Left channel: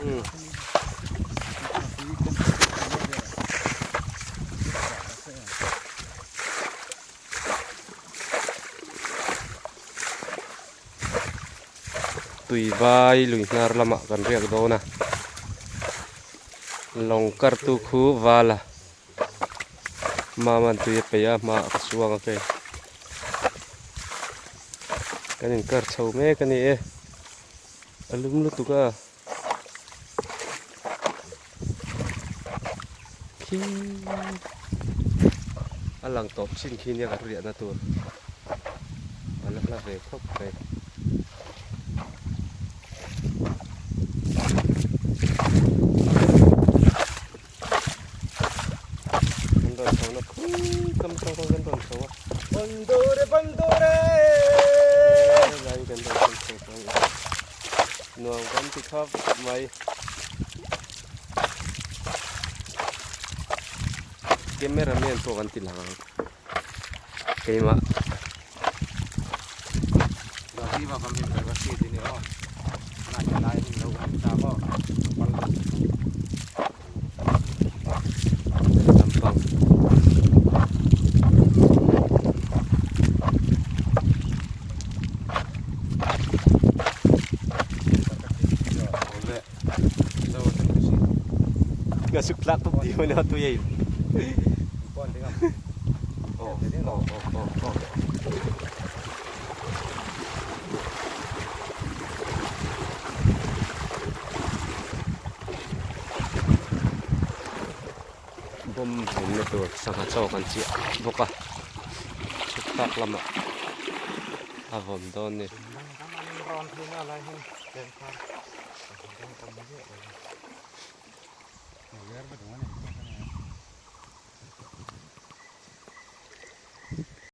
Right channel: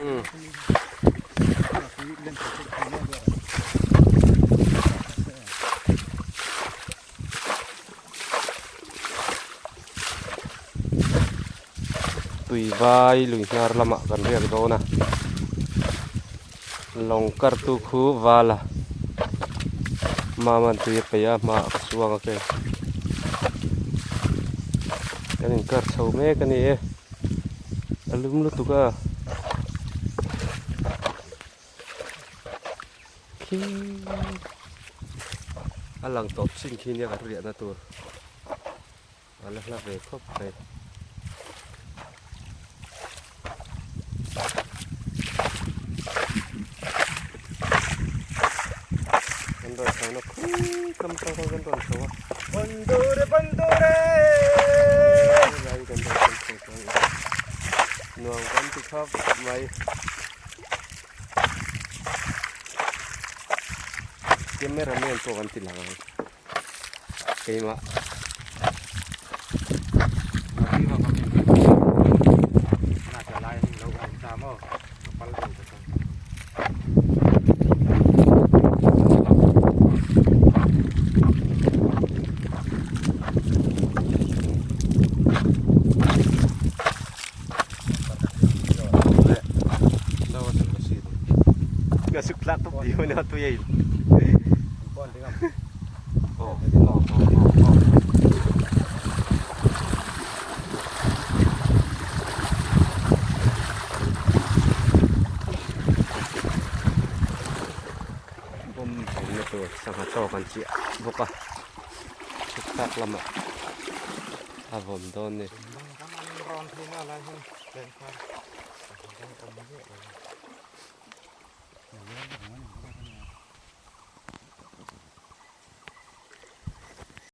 tùy vai lùi nar lama kan riak do na long kar tu khu wala ma man tu ye pe ya ma suang ke kanin kar chau me kani e alum lu tu ka alang top sin khin ya ka riak na tur alak la ve khop pe cầm trong con dân toàn số bandure lại gần đây con số nuông con thì khóc mày cameraman to kan tilang kay ma gasuk plato di mana tu ya pon tengok oh jadi oh bom ini tu sangat jauh kan sih buka cetak lama avon don ni